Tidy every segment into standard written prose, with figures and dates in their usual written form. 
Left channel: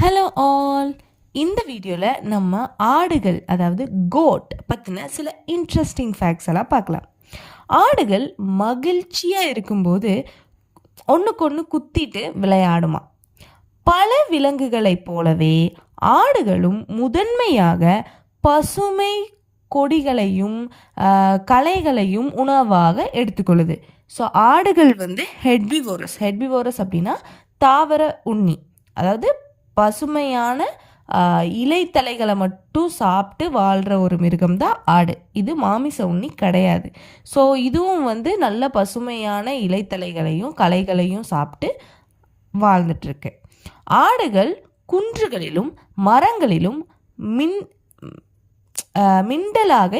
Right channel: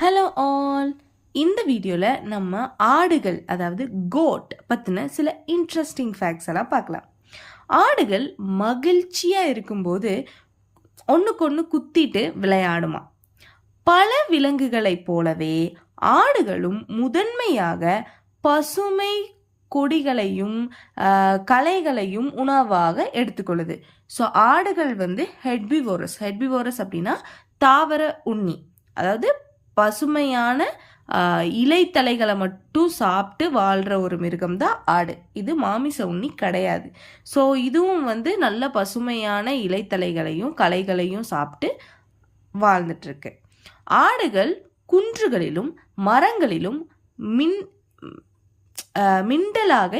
Hello all. இந்த வீடியோவில் நம்ம ஆடுகள் அதாவது கோட் பற்றின சில இன்ட்ரெஸ்டிங் ஃபேக்ட்ஸ் எல்லாம் பார்க்கலாம். ஆடுகள் மகிழ்ச்சியாக இருக்கும்போது ஒன்றுக்கு ஒன்று குத்திட்டு விளையாடுமா. பல விலங்குகளைப் போலவே ஆடுகளும் முதன்மையாக பசுமை கொடிகளையும் களைகளையும் உணவாக எடுத்துக்கொள்ளுது. ஸோ ஆடுகள் ஹெட்பிவோரஸ் அப்படின்னா தாவர உண்ணி, அதாவது பசுமையான இலைத்தலைகளை மட்டும் சாப்பிட்டு வாழ்கிற ஒரு மிருகம் தான் ஆடு. இது மாமிச உண்ணி கிடையாது. ஸோ இதுவும் நல்ல பசுமையான இலைத்தலைகளையும் களைகளையும் சாப்பிட்டு வாழ்ந்துட்டுருக்கு. ஆடுகள் குன்றுகளிலும் மரங்களிலும் மிண்டலாக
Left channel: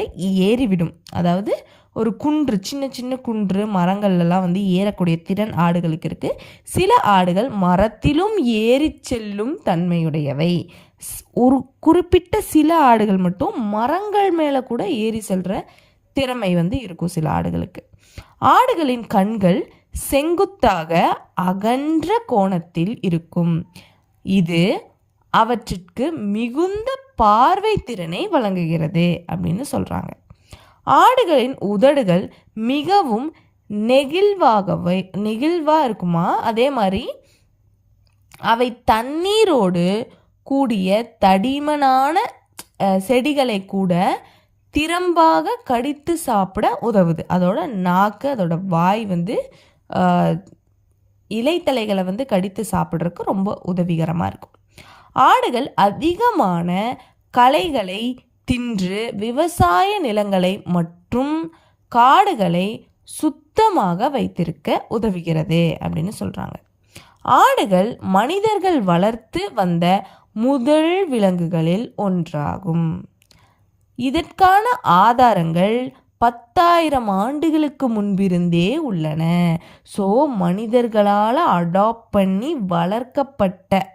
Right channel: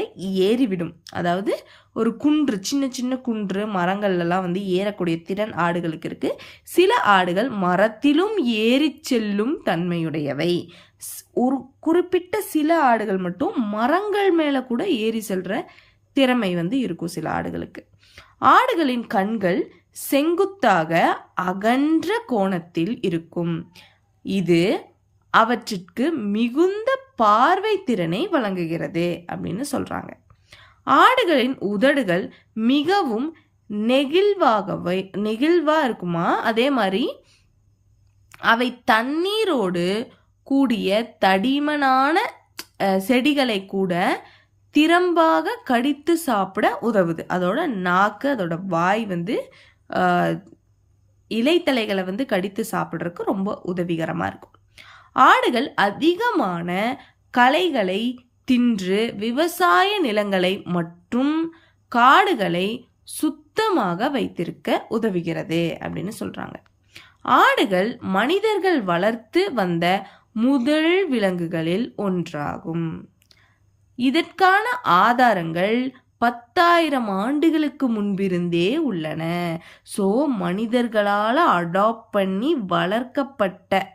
ஏறிவிடும். அதாவது ஒரு குன்று, சின்ன சின்ன குன்று மரங்கள்லாம் ஏறக்கூடிய திறன் ஆடுகளுக்கு இருக்கு. சில ஆடுகள் மரத்திலும் ஏறி செல்லும் தன்மையுடையவை. ஒரு குறிப்பிட்ட சில ஆடுகள் மட்டும் மரங்கள் மேலே கூட ஏறி செல்ற திறமை இருக்கும் சில ஆடுகளுக்கு. ஆடுகளின் கண்கள் செங்குத்தாக அகன்ற கோணத்தில் இருக்கும். இது அவற்றிற்கு மிகுந்த பார்வை திறனை வழங்குகிறது சொல்றாங்க. ஆடுகளின் உதடுகள் மிகவும் நெகிழ்வா இருக்குமா. அதே மாதிரி அவை தண்ணீரோடு கூடிய தடிமனான செடிகளை கூட திறம்பாக கடித்து சாப்பிட உதவுது. அதோட நாக்கு, அதோட வாய் இலைத்தலைகளை கடித்து சாப்பிட்றதுக்கு ரொம்ப உதவிகரமாக இருக்கும். ஆடுகள் அதிகமான களைகளை தின்று விவசாய நிலங்களை மற்றும் காடுகளை சுத்தமாக வைத்திருக்க உதவுகிறது அப்படின்னு சொல்றாங்க. ஆடுகள் மனிதர்கள் வளர்த்து வந்த முதல் விலங்குகளில் ஒன்றாகும். இதற்கான ஆதாரங்கள் 10,000 ஆண்டுகளுக்கு முன்பிருந்தே உள்ளன. ஸோ மனிதர்களால் அடாப்ட் பண்ணி வளர்க்கப்பட்ட,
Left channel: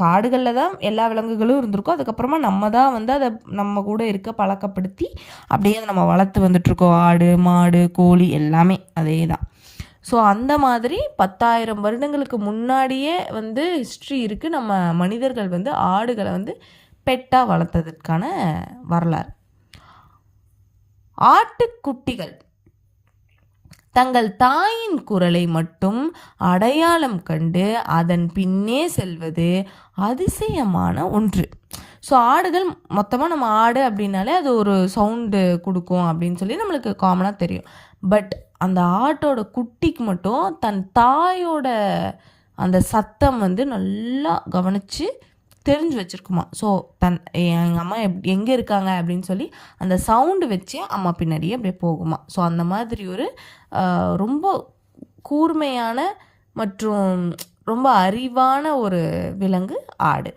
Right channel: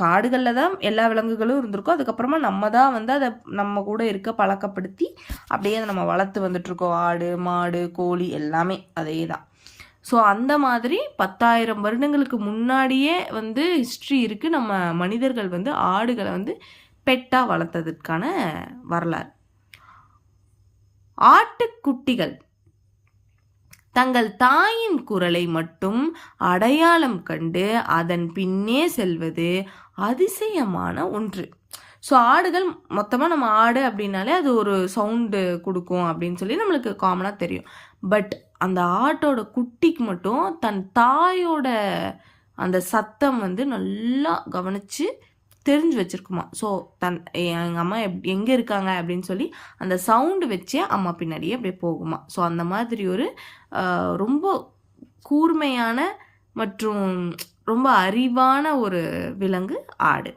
காடுகளில் தான் எல்லா விலங்குகளும் இருந்திருக்கும். அதுக்கப்புறமா நம்ம தான் அதை நம்ம கூட இருக்க பழக்கப்படுத்தி அப்படியே அதை நம்ம வளர்த்து வந்துட்ருக்கோம். ஆடு, மாடு, கோழி எல்லாமே அதே தான். ஸோ அந்த மாதிரி 10,000 வருடங்களுக்கு முன்னாடியே ஹிஸ்ட்ரி இருக்குது. நம்ம மனிதர்கள் ஆடுகளை பெட்டாக வளர்த்ததுக்கான வரலாறு. ஆட்டுக்குட்டிகள் தங்கள் தாயின் குரலை மட்டும் அடையாளம் கண்டு அதன் பின்னே செல்வது அதிசயமான ஒன்று. ஸோ ஆடுகள் மொத்தமாக நம்ம ஆடு அப்படின்னாலே அது ஒரு சவுண்டு கொடுக்கும் அப்படின்னு சொல்லி நம்மளுக்கு காமனாக தெரியும். பட் அந்த ஆட்டோட குட்டிக்கு மட்டும் தன் தாயோட அந்த சத்தம் நல்லா கவனித்து தெரிஞ்சு வச்சுருக்குமா. ஸோ எங்கள் அம்மா எங்கே இருக்காங்க அப்படின்னு சொல்லி அந்த சவுண்டு வச்சே அம்மா பின்னாடியே அப்படியே போகுமா. ஸோ அந்த மாதிரி ஒரு ரொம்ப கூர்மையான மற்றும் ரொம்ப அறிவான ஒரு விலங்கு ஆடு.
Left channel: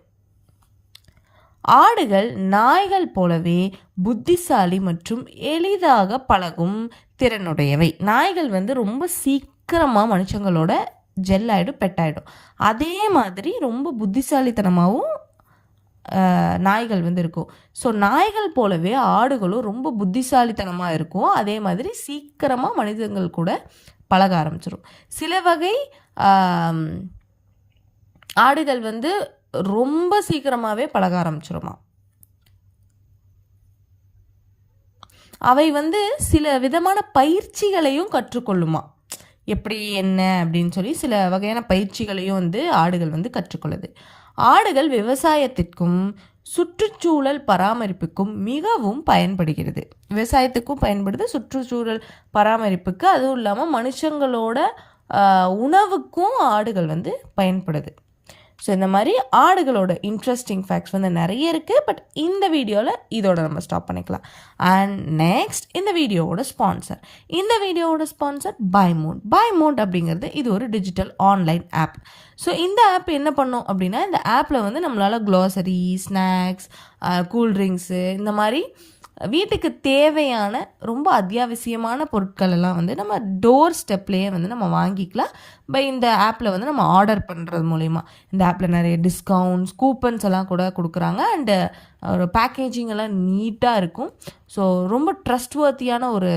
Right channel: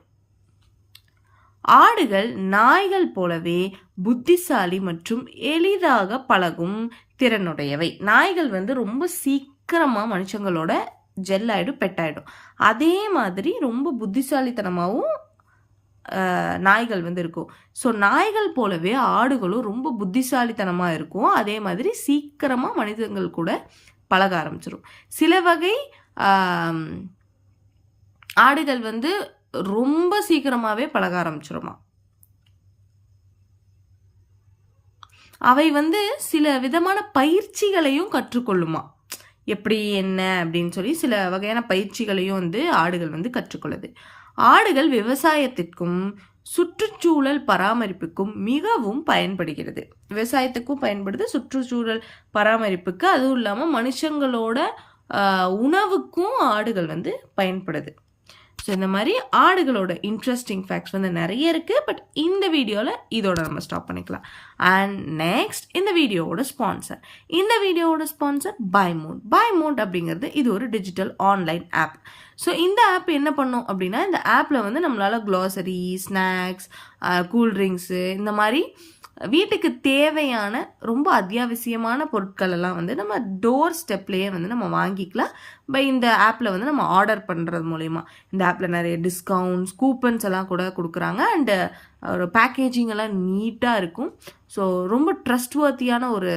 ஆடுகள் நாய்கள் போலவே புத்திசாலி மற்றும் எளிதாக பழகும் திறனுடையவை. நாய்கள் ரொம்ப சீக்கிரமாக மனுஷங்களோட ஜெல் ஆகிடும், பெட்டாயிடும். அதே மாதிரி ரொம்ப புத்திசாலித்தனமாகவும் நாய்கள் இருக்கும். ஸோ நாய்கள் போலவே ஆடுகளும் ரொம்ப புத்திசாலித்தனமாக இருக்கும். அதே மாதிரி சீக்கிரமாக மனிதர்கள் கூட பழக ஆரம்பிச்சிடும். சில வகை ஆடுகள் ரொம்ப சீக்கிரமாகவே பழக ஆரம்பிச்சிருமா. அவை சில விதமான பயிற்சிகளையும் கற்றுக்கொள்ளுமா. எப்படி என்ன அப்படின்னு சொல்லி சில வகையான பயிற்சிகளையும் ஆடுகள் கற்றுக்கொள்ளுது. ஆடுகள் விவசாயத்திற்கும் சுற்றுச்சூழல் பராமரிப்புக்கும் மிகவும் பயன்படுகிறது. விவசாயத்துக்கும் பயன்படுது, சுற்றுச்சூழல் பராமரிப்புக்கு, அதுவும் இல்லாமல் மனுஷங்களோட உணவுக்கும் ஆடுகள் பயன்படுது. ஸோ இந்த மாதிரி ஆடுகளோட இன்ட்ரெஸ்டிங் ஃபேக்ட்ஸ் நிறைய இருக்குது. பட் இந்த வீடியோவில் இதோட நம்ம ஸ்டாப் பண்ணிக்கலாம். அண்ட் நெக்ஸ்ட் இந்த வீடியோவோட ஸ்பான்சர் பைமோட் அப்படிங்கிறது இது ஒரு டிஜிட்டல் ஆன்லைன் ஆப். ஸோ இந்த ஆப் என்ன பண்ணோம் அப்படின்னா, இந்த ஆப்பில் நம்மளால் க்ளாசரி, ஸ்நாக்ஸ், கூல்ட்ரிங்க்ஸு, இந்த மாதிரி வீட்டுக்கு தேவையான ரொம்ப அத்தியாவசியமான பொருட்கள் எல்லாம் வந்து நம்ம டோர் ஸ்டெப்லேயே வந்து நம்ம வாங்கிக்கலாம். இந்த ஆப்பில் வந்து நம்ம ஆர்டர் பண்ணுறது மூலிமா. இந்த ஆப்பில் நிறைய டிஸ்கவுண்ட்ஸ், கூப்பன்ஸ் எல்லாம் கூட கொடுக்குறாங்க. அண்டு ஒரு பேக்கேஜிங் எல்லாம் நீட்டாக இருக்கும். ஸோ ரொம்ப ட்ரஸ்ட்வர்த்தியான ஒரு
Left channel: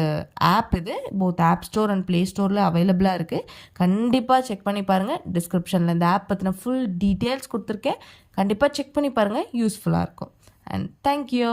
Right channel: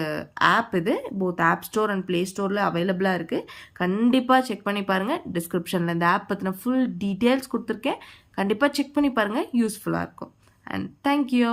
ஆப் இது. Both App Store and Play ஸ்டோரில் அவைலபிளாக இருக்குது. கண்டிப்பாக செக் பண்ணி பாருங்கள். டிஸ்கிரிப்ஷனில் இந்த ஆப் பற்றின ஃபுல் டீட்டெயில்ஸ் கொடுத்துருக்கேன். கண்டிப்பாக செக் பண்ணி பாருங்கள், யூஸ்ஃபுல்லாக இருக்கும். And thank you.